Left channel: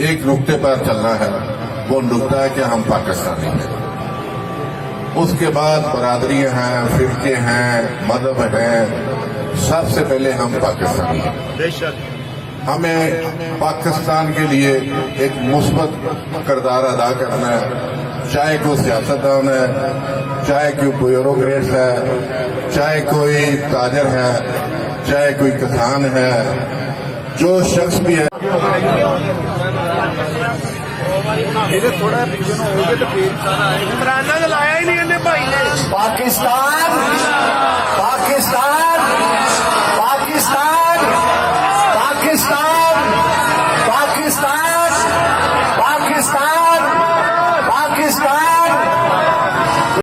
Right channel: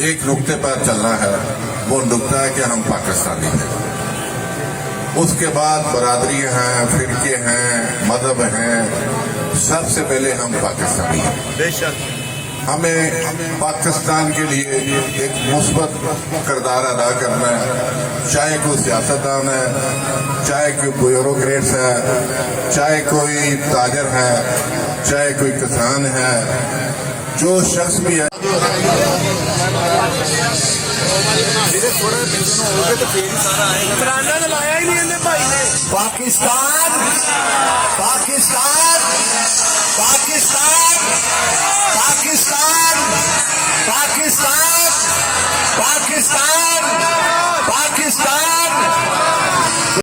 एक नुक्ते पर चलना है, वो नुक्ता है कि हम पाकिस्तानी हैं। उसके बाद बरादरियां हैं, फिरके हैं, मजहब हैं, सबसे पहले हम पाकिस्तानी हैं। बेशक हमें पाकिस्तान के लिए एक मुस्बत किरदार अदा करना है, चाहे कोई सियासतदान है, चाहे कोई ब्यूरोक्रेट्स है, चाहे कोई ताजर है, चाहे कोई किसान है, जो शख्स भी है। पाकिस्तान पाकिस्तान पाकिस्तान